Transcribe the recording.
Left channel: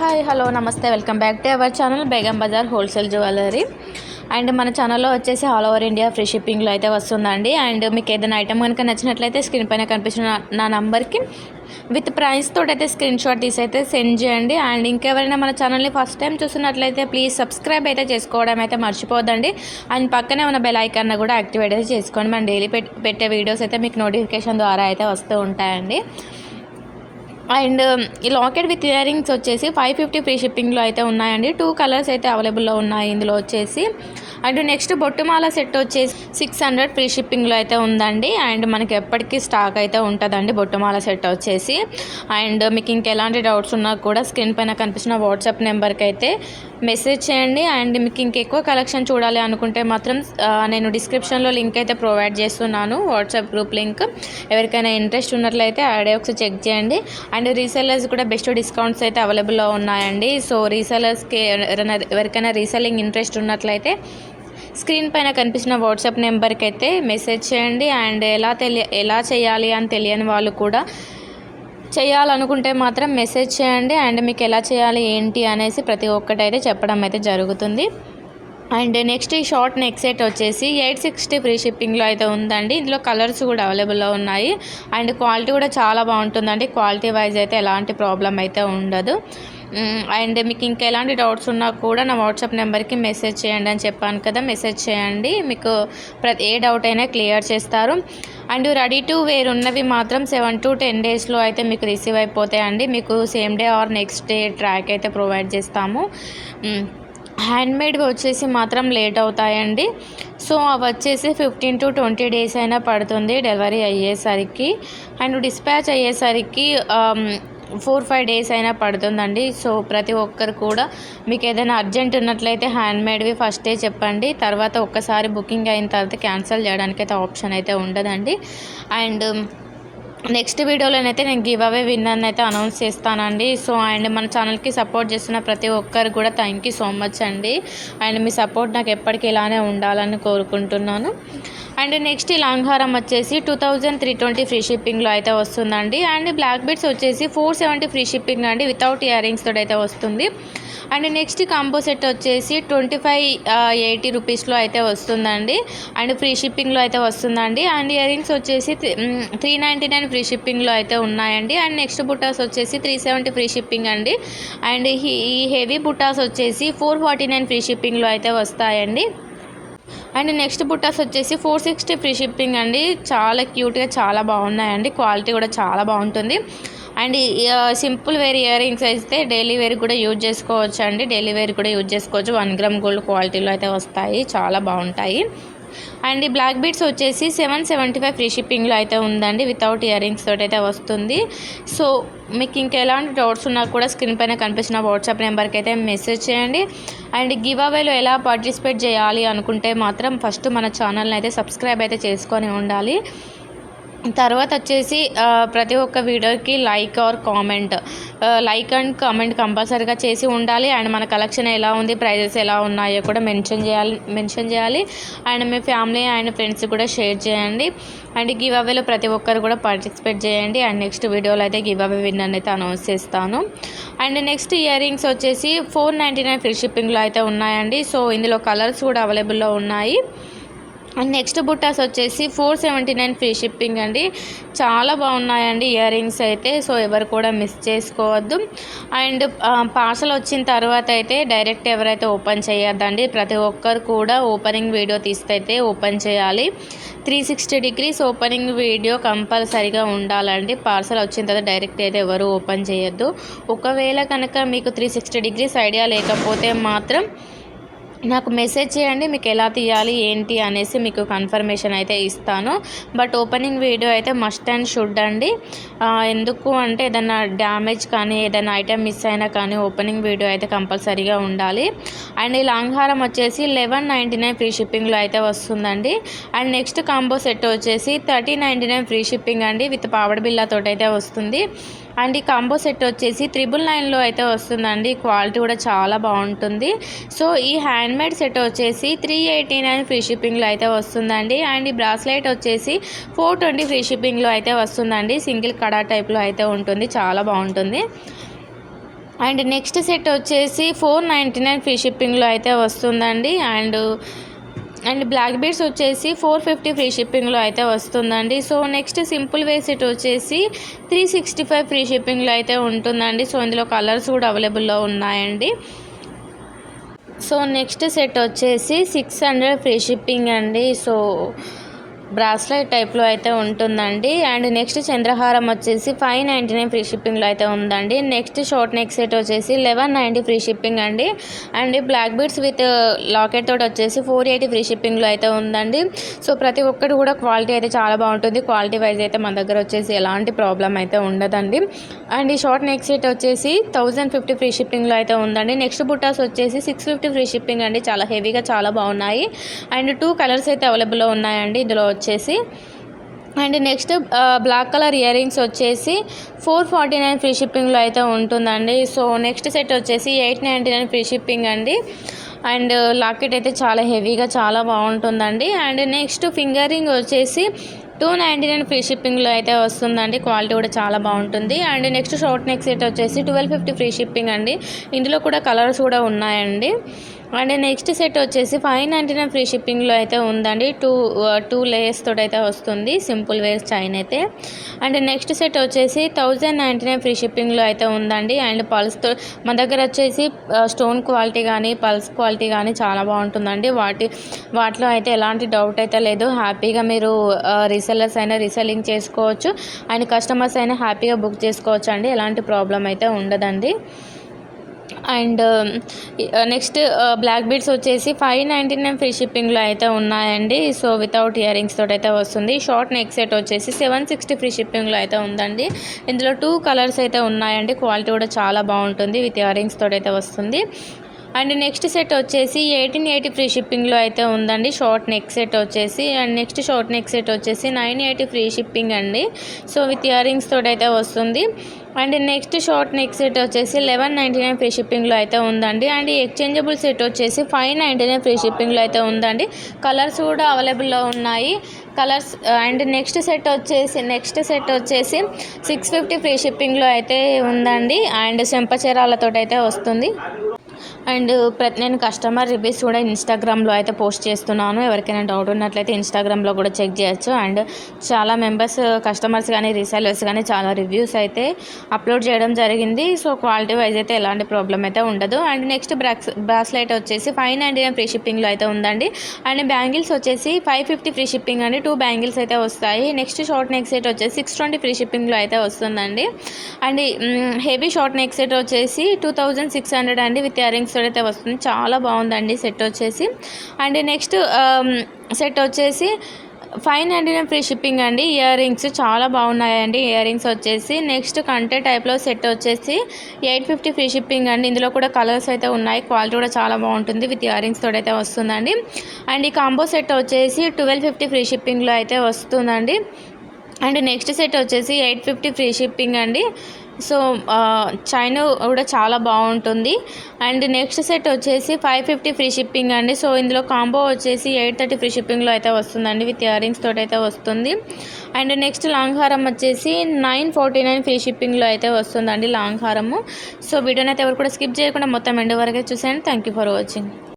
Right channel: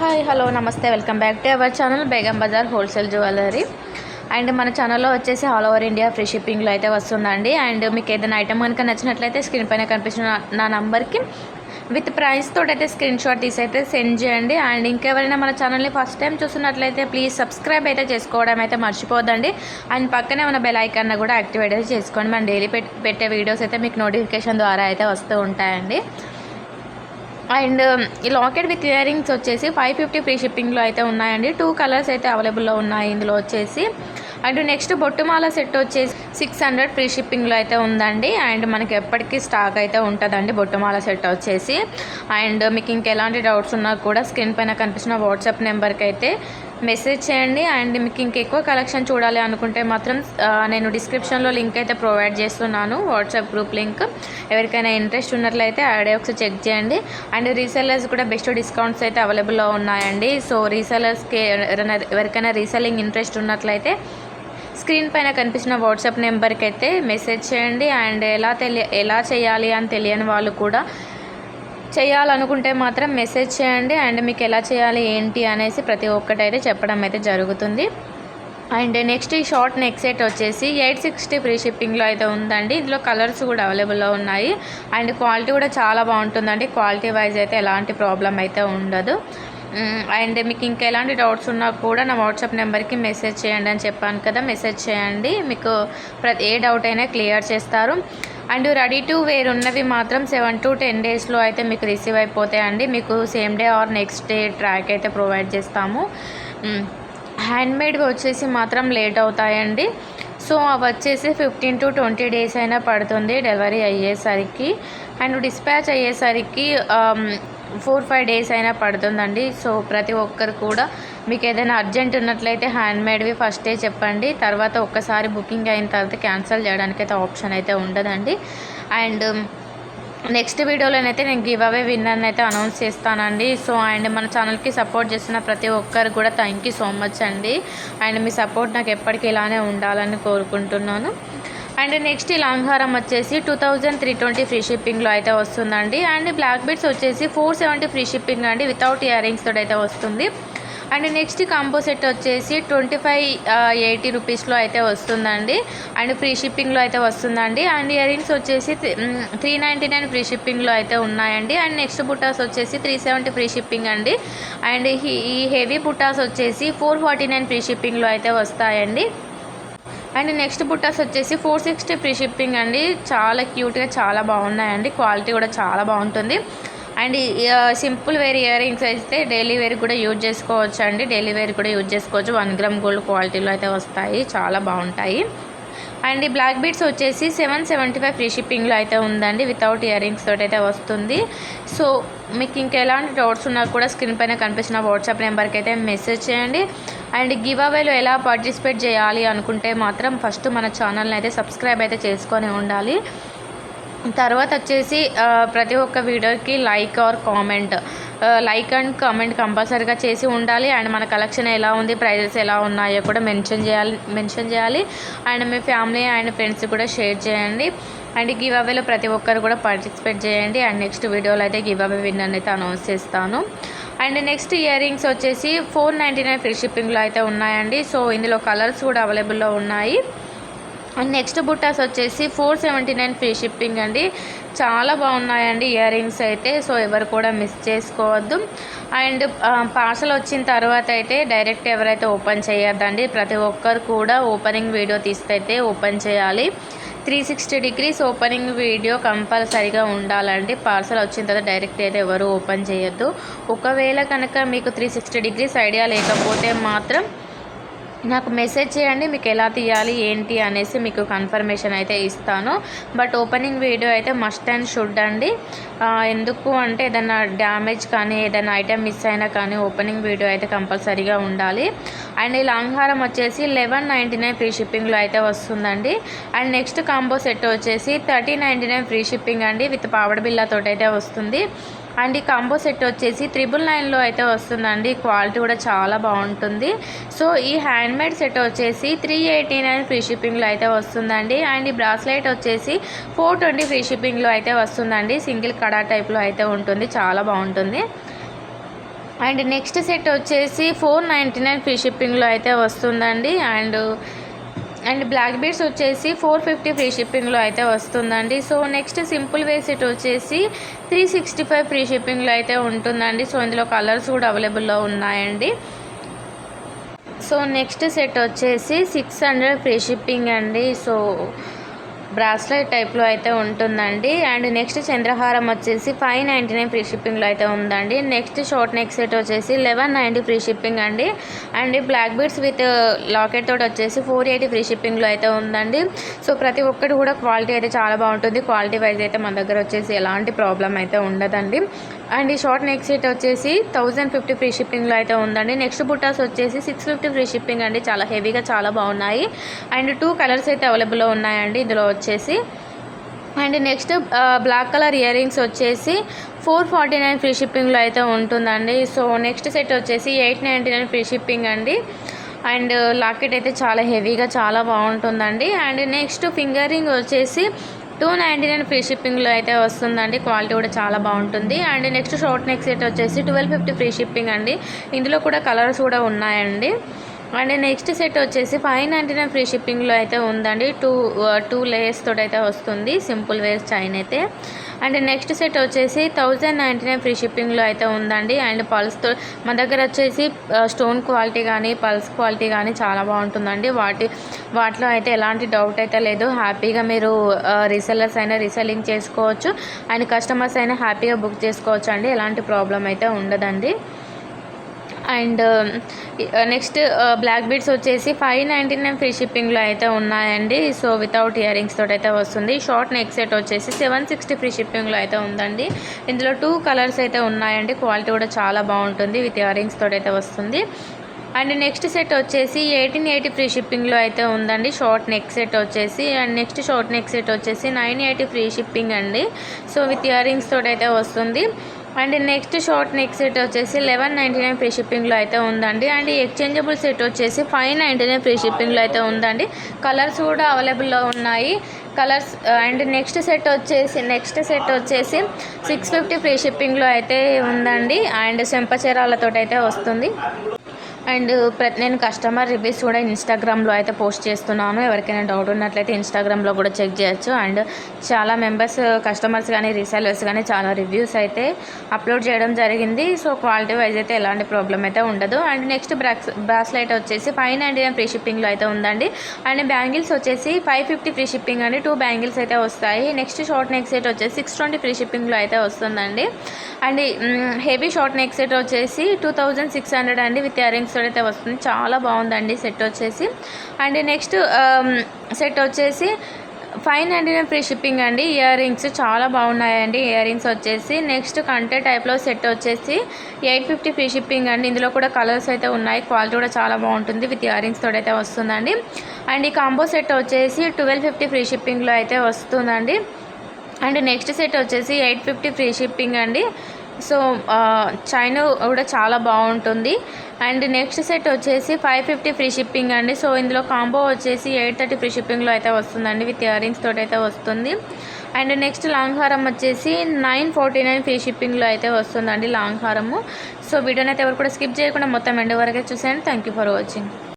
Hi hello నమస్తే welcome back to our channel Begum Bazar wholesale jewellery. And మన ఛానల్లో వచ్చేసి ఆల్ ఓవర్ ఇండియా ఫ్రీ షిప్పింగ్లో అయితే వస్తుందండి. అండ్ మీకు ఏదైనా ఐటమ్ కనుక నచ్చినట్లయితే స్క్రీన్ పైన కనిపిస్తున్న నా నంబర్కి విత్ ప్రైస్ తోటి అయితే స్క్రీన్ షాట్ తీసి అయితే సెండ్ చేయండి. అండ్ ఇంకెవరైనా మన ఛానల్ని ఫస్ట్ టైం చూస్తున్నట్లయితే ప్లీజ్ సబ్స్క్రైబ్ అయితే చేసుకోవడం అయితే మర్చిపోదండి. అండ్ పక్కనే ఉన్న బెల్ ఐకాన్ కూడా యాక్టివేట్ అయితే చేసుకోండి. మనం డైలీ పెట్టే వీడియోస్ అయితే మీకు నోటిఫికేషన్ ద్వారా అయితే వస్తూ ఉంటాయండి. అండ్ ఈ లాకెట్ విత్ ఇయర్ రింగ్స్ వచ్చేసి 550 ఫ్రీ షిప్పింగ్లో అయితే ఉన్నాయండి. 2 కలర్స్ అయితే అవైలబుల్లో ఉన్నాయి ఇందులో వచ్చేసి. అండ్ నెక్స్ట్ బొట్టుమాల సెట్ వచ్చేసి 600 ఫ్రీ షిప్పింగ్లో అయితే ఉందండి. అండ్ మనకి ఎప్పటికీ స్టాక్ అయితే ఉంటుందండి బొట్టుమాల సెట్ వచ్చేసి. అండ్ మీకు ఇంకెలాంటి డౌట్స్ ఉన్నా కూడా స్క్రీన్ పైన కనిపిస్తున్న వాట్సాప్ నెంబర్కి అయితే మెసేజ్ చేయండి. అండ్ మీకు ఇంకెక్కువ కలెక్షన్ చూడాలి అనుకుంటే మాత్రం నేను డిస్క్రిప్షన్లో లింక్ అయితే ప్రొవైడ్ చేస్తున్నాను, వాట్సాప్ గ్రూప్ లింక్. ఎవరికైనా ఇంట్రెస్ట్ ఉన్నట్లయితే ఆడే ఒకసారి చెక్ చేయండి. అండ్ రీసెల్లర్స్ కూడా బెస్ట్ డిస్కౌంట్స్ అయితే అవైలబుల్లో ఉన్నాయండి. సో రీసెల్లర్స్కి ఎవరికైనా రీసెల్లింగ్ ఇంట్రెస్ట్ ఉన్నట్లయితే స్క్రీన్ పైన కనిపిస్తున్న వాట్సాప్ నెంబర్కి అయితే మెసేజ్ చేయండి. అండ్ ఎలా చేయాలి అని తెలియని వాళ్ళు కూడా చేయాలనుకుంటే మాత్రం మెసేజ్ చేయండి. అండ్ మీకు ఎలా చేయాలి ఏంటి అనేసి ప్రతి ఒక్కటైతే చెప్పడం అయితే జరుగుతుంది. అండ్ నెక్స్ట్ ఈ షార్ట్ నెక్ సెట్ వచ్చేసి 860 ఫ్రీ షిప్పింగ్లో అయితే ఉందండి. ఇందులో కలర్స్ కూడా అవైలబుల్లో ఉన్నాయి. అండ్ క్వాలిటీ కూడా చాలా బాగుంటుందండి. క్వాలిటీ వైజ్ అయితే ఎలాంటి ప్రాబ్లం అయితే ఉండదు. అండ్ మీకు ఇంకా ఎలాంటి డౌట్స్ ఉన్నా కూడా నా వాట్సాప్ నెంబర్కి మెసేజ్ చేయండి అని చెప్పాను కదా, మెసేజ్ చేయండి. మీకు ఏ డౌట్ అయినా క్లియర్ చేస్తారు. అండ్ రెడీ టు వేర్ ఉన్నవి మాత్రం 7 to 10 డేస్లో అయితే మీకు రిసీవ్ అయిపోతాయండి. మీకు same day or next day track అయితే ప్రొవైడ్ చేస్తాము. హ్యాండ్మేడ్వి వచ్చేసి మాత్రం లేట్ అవుతాయండి. సో అవి వచ్చేసి 15 to 20 డేస్ అయినా పడుతుంది డెలివరీ అయ్యేసరికి. అండ్ డిస్పాచ్ అయ్యేసరికి 4-5 డేస్ అయినా పడుతుందండి. సో ప్రతి ఒక్కరు కూడా మీకు ఏదైనా అర్జెంట్ ఉన్నట్లయితే హ్యాండ్మేడ్వి ఫస్టే చెప్పండి. తర్వాత ఒక్కసారి బుకింగ్ అయిన తర్వాత క్యాన్సిల్ చేయడానికి అయితే ఆప్షన్ అయితే ఉండదండి. అండ్ నెక్స్ట్ వీడియోలోనైతే నేను గివ్ అవే విన్నర్ని అయితే అనౌన్స్ చేస్తానండి. సో అండ్ మన ఛానల్కి సపోర్ట్ చేస్తున్న ప్రతి ఒక్కరు కూడా థ్యాంక్ యూ సో మచ్ అండి. అండ్ మీ సపోర్ట్ నాకు ఎప్పటికీ ఇలానే ఉండాలని కోరుకుంటున్నాను. అండ్ నెక్స్ట్ ఈ లాంగ్ హారం వచ్చేసి 2320 ఫ్రీ షిప్పింగ్లో అయితే వస్తుందండి. అండ్ బ్లాక్ బీడ్స్ వచ్చేసి 470 ఫ్రీ షిప్పింగ్ అండి, వితౌట్ ఇయర్ రింగ్స్ తోటి అయితే వస్తుంది. అండ్ నెక్స్ట్ కాంబో సెట్ వచ్చేసి 2580 రూపీస్లో అయితే వస్తుందండి. అండ్ ఫ్రీ షిప్పింగ్లో అయితే వస్తుందండి. అండ్ ఇయర్ రింగ్స్ వచ్చేసి 399 ఫ్రీ షిప్పింగ్లో అయితే ఉన్నాయండి. అండ్ నెక్స్ట్ బుట్టాస్ వచ్చేసి 370 ఫ్రీ షిప్పింగ్ అండి. అండ్ ఈ హెవీ బుట్టాస్ వచ్చేసి 449 ఫ్రీ షిప్పింగ్లో అయితే వస్తాయండి. అండ్ నెక్స్ట్ బుట్టాస్ వచ్చేసి 460 ఫ్రీ షిప్పింగ్ అండి. చాలా క్యూట్గా చాలా బాగున్నాయండి, క్వాలిటీ కూడా చాలా బాగుంటుంది. And simple wear earrings అయితే డైలీ వేర్ కూడా యూజ్ చేసుకోవచ్చు అండి. డైలీ వేర్ కూడా యూజ్ చేసుకోవచ్చు. 1 గ్రామ్ గోల్డ్ క్వాలిటీలో అయితే వస్తాయి, చాలా బాగుంటాయి. అండ్ ఈ బ్లాక్ బీడ్స్ వచ్చేసి 775 ఫ్రీ షిప్పింగ్లో అయితే ఉందండి, వితౌట్ ఇయర్ రింగ్స్ తోటి అయితే వస్తుంది. సో మీకు ఇంకా ఎలాంటి డౌట్స్ ఉన్నా కూడా స్క్రీన్ పైన కనిపిస్తున్న వాట్సాప్ నెంబర్కి అయితే మెసేజ్ చేయండి. అండ్ గివ్ అవేలో ఎలా పార్టిసిపేట్ చేయాలి అనుకుంటే మాత్రం ఫస్ట్ మన ఛానల్ని అయితే సబ్స్క్రైబ్ అయితే చేసుకొని ఉండాలి. తర్వాత వచ్చేసి ప్రతి ఒక్క వీడియోకి like are comment, like and comment కంపల్సరీగా చేసి ఉండాలి. అండ్ మన కలెక్షన్ ఎలా ఉంది, ప్రైజెస్ ఎలా ఉన్నాయో కూడా మెన్షన్ చేయాలి. And me family and friends కూడా షేర్ చేయండి. అండ్ గివ్ అవేలో ప్రతి ఒక్కరు కూడా పార్టిసిపేట్ చేయండి. అండ్ నెక్స్ట్ వీడియోలో అయితే గివ్ అవే విన్నర్ అయితే అనౌన్స్ చేస్తాను. అండ్ నెక్స్ట్ ఇయర్ రింగ్స్ వచ్చేసి 499 ఫ్రీ షిప్పింగ్లో అయితే ఉన్నాయండి. సో ఇందులో కలర్స్ కూడా అవైలబుల్లో ఉన్నాయి. అండ్ నెక్స్ట్ బుట్టాస్ వచ్చేసి 479 ఫ్రీ షిప్పింగ్ అండి. చాలా బాగున్నాయండి ఇయర్ రింగ్స్ అయితే. సో ఎవరు కూడా మిస్ చేసుకోవద్దు. అండ్ పార్సల్ వచ్చిన తర్వాత అయితే డైరెక్ట్ ఎవరైతే ఓపెన్ చేయొద్దండి. ప్రతి ఒక్కరు కూడా ఓపెనింగ్ వీడియో తీస్తే ఓపెన్ చేయాలి. 360 degrees ఓపెనింగ్ వీడియో కంపల్సరీగా ఉండాలండి. పార్సల్ వచ్చిన తర్వాత డైరెక్ట్ అయితే ఎవరు ఓపెన్ చేయొద్దు. ఒకవేళ కనుక మీకు 360 degrees ఐడియా లేకపోతే మాత్రం నాకు మెసేజ్ చేయండి, మీకు ఎలా తీయాలి ఏంటి అనేసి మీకు కన్ఫర్మేషన్ అయితే ఇస్తాను. బట్ ఓపెనింగ్ వీడియో అయితే మస్ట్ అండ్ షుడ్ అండి. ఎందుకు అంటే ఏదైనా డ్యామేజ్ కానీ ఏదైనా ఐటెం మిస్ అయినా కానీ ఓపెనింగ్ వీడియో అయితే కంపల్సరీగా ఉండాలి. అండ్ ఈ లాంగ్ హారం వచ్చేసి 1199 ఫ్రీ షిప్పింగ్లో అయితే వస్తుందండి. అండ్ నెక్స్ట్ కాంబో సెట్ వచ్చేసి 3099 ఫ్రీ షిప్పింగ్ అండి, విత్ పావడ బిల్లాతోటి అయితే వస్తుంది. అండ్ ఈ కాంబో సెట్ వచ్చేసి 999లో అయితే వస్తుందండి. క్వాలిటీ కూడా చాలా బాగుంటుంది. సో ఈ హ్యాండ్మేడ్ సెట్ వచ్చేసి 389 ఫ్రీ షిప్పింగ్లో అయితే వస్తుందండి. అండ్ ఈ బ్రాస్లెట్ వచ్చేసి 420 ఫ్రీ షిప్పింగ్లో అయితే వస్తుందండి. సింగిల్ కడా టైప్లో అయితే ఉంటుంది, చాలా బాగుంటుంది. అండ్ నెక్స్ట్ సెట్ వచ్చేసి 499 ఫ్రీ షిప్పింగ్లో అయితే వస్తుందండి. అండ్ బ్లాక్ బీడ్స్ వచ్చేసి 450 ఫ్రీ షిప్పింగ్లో అయితే వస్తుందండి. So next simple way set వచ్చేసి 365 ఫ్రీ షిప్పింగ్లో అయితే ఉంటుందండి. సో ఇందులో కలర్స్ కూడా అవైలబుల్లో ఉన్నాయండి. సో నెక్స్ట్ సెట్ వచ్చేసి 600 ఫ్రీ షిప్పింగ్ అండి. సో బ్రాస్లెట్ టైప్లో అయితే ఉంటుందండి. అండ్ నెక్స్ట్ చంద్రహారం వచ్చేసి 599 ఫ్రీ షిప్పింగ్లో అయితే ఉందండి. నెక్స్ట్ షార్ట్ నెక్ సెట్ వచ్చేసి 1190 ఫ్రీ షిప్పింగ్ అండి. And black beads with locket తోటి వచ్చేసి 480 ఫ్రీ షిప్పింగ్లో అయితే ఉందండి. సో ప్రతి ఒక్కటి కూడా క్వాలిటీ అయితే చాలా బాగుంటుంది. క్వాలిటీ వైజ్ అయితే మన దగ్గర వచ్చేసి ఎలాంటి ప్రాబ్లం అయితే ఉండదండి. అండ్ ఈ షార్ట్ నెక్ సెట్ వచ్చేసి 1050 ఫ్రీ షిప్పింగ్లో అయితే ఉందండి. నెక్స్ట్ బుట్టాస్ వచ్చేసి 650 ఫ్రీ షిప్పింగ్ అండి. చాలా హెవీగా చాలా బాగున్నాయి. అండ్ 2 కలర్స్ అయితే అవైలబుల్లో ఉన్నాయండి ఇందులో వచ్చేసి. And next black colour earrings వచ్చేసి 449 ఫ్రీ షిప్పింగ్లో అయితే ఉంటుందండి. సో నెక్స్ట్ సెట్ వచ్చేసి 899 ఫ్రీ షిప్పింగ్ అండి. అండ్ లాకెట్ అయితే చాలా హెవీగా చాలా బాగుంటుందండి. అండ్ నెక్స్ట్ ఫింగర్ రింగ్ వచ్చేసి 299 ఫ్రీ షిప్పింగ్లో అయితే వస్తుందండి. క్వాలిటీ కూడా చాలా బాగుంటుంది. And next short neck set వచ్చేసి 1250 ఫ్రీ షిప్పింగ్ అండి. ఇందులో కూడా కలర్స్ కూడా ఉన్నాయండి. అండ్ నెక్స్ట్ సెట్ వచ్చేసి 599 ఫ్రీ షిప్పింగ్లో అయితే ఉందండి. టూ లేయర్స్ తోటి అయితే వస్తుంది సింపుల్ వేర్ చైన్ అయితే. అండ్ నెక్స్ట్ సెట్ వచ్చేసి 1099 ఫ్రీ షిప్పింగ్లో అయితే ఉందండి. అండ్ పల్స్తో మన దగ్గర వచ్చేసి స్టోన్ క్వాలిటీ కానీ పల్స్ క్వాలిటీ కానీ చాలా బాగుంటుందండి. వాటిలో అయితే ఎలాంటి డౌట్ అయితే లేదు. హ్యాపీగా మీరు రీసెల్లర్స్ అయినా రీసెల్లింగ్ చేసుకోవచ్చు. అండ్ కస్టమర్స్ అయినా హ్యాపీగా బుక్ చేసుకోవచ్చు అండి. ఎలాంటి ప్రాబ్లం అయితే ఉండదండి. అండ్ నెక్స్ట్ బ్లాక్ బీడ్స్ వచ్చేసి 599 ఫ్రీ షిప్పింగ్లో అయితే ఉన్నాయండి. సో వితౌట్ ఇయర్ రింగ్స్ తోటి అయితే వస్తుంది. షార్ట్ నెక్ సెట్ వచ్చేసి 760 ఫ్రీ షిప్పింగ్లో అయితే ఉందండి. ఇందులో 2 కలర్స్ అయితే ఉన్నాయండి. క్వాలిటీ కూడా చాలా బాగుంటుంది. విత్ ఇయర్ రింగ్స్ తోటి అయితే వస్తుంది. అండ్ నెక్స్ట్ సెట్ వచ్చేసి 1880 ఫ్రీ షిప్పింగ్లో అయితే ఉందండి. షార్ట్ నెక్ సెట్ వచ్చేసి. And next short neck set వచ్చేసి 980 ఫ్రీ షిప్పింగ్ అండి. సో విత్ ఇయర్ రింగ్స్ తోటి అయితే వస్తుంది. And next short neck set వచ్చేసి 1199 ఫ్రీ షిప్పింగ్లో అయితే ఉందండి. అండ్ ఎక్స్చేంజబుల్ సెట్ వచ్చేసి 599 ఫ్రీ షిప్పింగ్లో అయితే ఉందండి. కలర్స్ కూడా అవైలబుల్లో ఉన్నాయి. కలర్స్ అండ్ నెక్స్ట్ సెట్ వచ్చేసి 650 ఫ్రీ షిప్పింగ్లో అయితే ఉందండి. అండ్ చెంపచీరాలతో అయితే వస్తుంది. అండ్ నేను కస్టమర్ రివ్యూస్ కూడా ఇన్స్టాగ్రామ్లో అయితే పోస్ట్ చేస్తున్నాను. ఎవరికైనా డౌట్ ఉన్నట్లయితే ఇన్స్టాగ్రామ్లో కూడా చెక్ చేయొచ్చు. అండ్ చాలా మెంబర్స్ కస్టమర్స్ కానీ రీసెలర్స్ కానీ చాలా రివ్యూస్ అయితే అప్లోడ్ చేయడం జరిగింది. సో క్వాలిటీ వైజ్ అయితే ఎలాంటి ప్రాబ్లం అయితే ఉండదు. అండ్ నెక్స్ట్ బ్రాస్లెట్ వచ్చేసి 599 ఫ్రీ షిప్పింగ్లో అయితే ఉందండి. అండ్ బ్యాంగిల్స్ వచ్చేసి 550 ఫ్రీ షిప్పింగ్ అండి. 2 బ్యాంగిల్స్ అయితే వస్తాయి. నెక్స్ట్ షార్ట్ నెక్ సెట్ వచ్చేసి 620 ఫ్రీ షిప్పింగ్లో అయితే వస్తుందండి. And heavy short neck set వచ్చేసి 2600 అండి. విత్ ఇయర్ రింగ్స్ అయితే వస్తుంది. చాలా బాగుందండి సెట్ వచ్చేసి. అండ్ నెక్స్ట్ సెట్ వచ్చేసి 599 ఫ్రీ షిప్పింగ్ అండి. ఇయర్ రింగ్స్ చాలా బాగున్నాయండి. ఇయర్ రింగ్స్ వచ్చేసి నెక్స్ట్ కంటే టైప్లో సెట్ వచ్చేసి 850 ఫ్రీ షిప్పింగ్ అండి. ఇందులో కూడా కలర్స్ అయితే ఉన్నాయి. క్వాలిటీ కూడా చాలా బాగుంటుంది. విత్ ఇయర్ రింగ్స్ తోటి అయితే వస్తుందండి. అండ్ ఈ కాంబో సెట్ వచ్చేసి 1250 ఫ్రీ షిప్పింగ్లో అయితే వస్తుందండి. అండ్ నెక్స్ట్ సెట్ వచ్చేసి 850 ఫ్రీ షిప్పింగ్ అండి. సో చైన్ కూడా చాలా బాగుంటుంది. అండ్ నెక్స్ట్ సెట్ వచ్చేసి 550 ఫ్రీ షిప్పింగ్ అండి. సో ఇందులో కాంబో వచ్చేసి 830 ఫ్రీ షిప్పింగ్లో అయితే వస్తుందండి. విత్ ఇయర్ రింగ్స్ తోటి అయితే వస్తుంది. అండ్ నెక్స్ట్ లాంగ్ హారం వచ్చేసి 949 ఫ్రీ షిప్పింగ్లో అయితే వస్తుందండి లాంగ్ హారము. సో వీడియోని అయితే ఎవరు కూడా స్కిప్ చేయకుండా మొత్తం ఎండ్ వరకే చూసేయండి. Thank you for watching.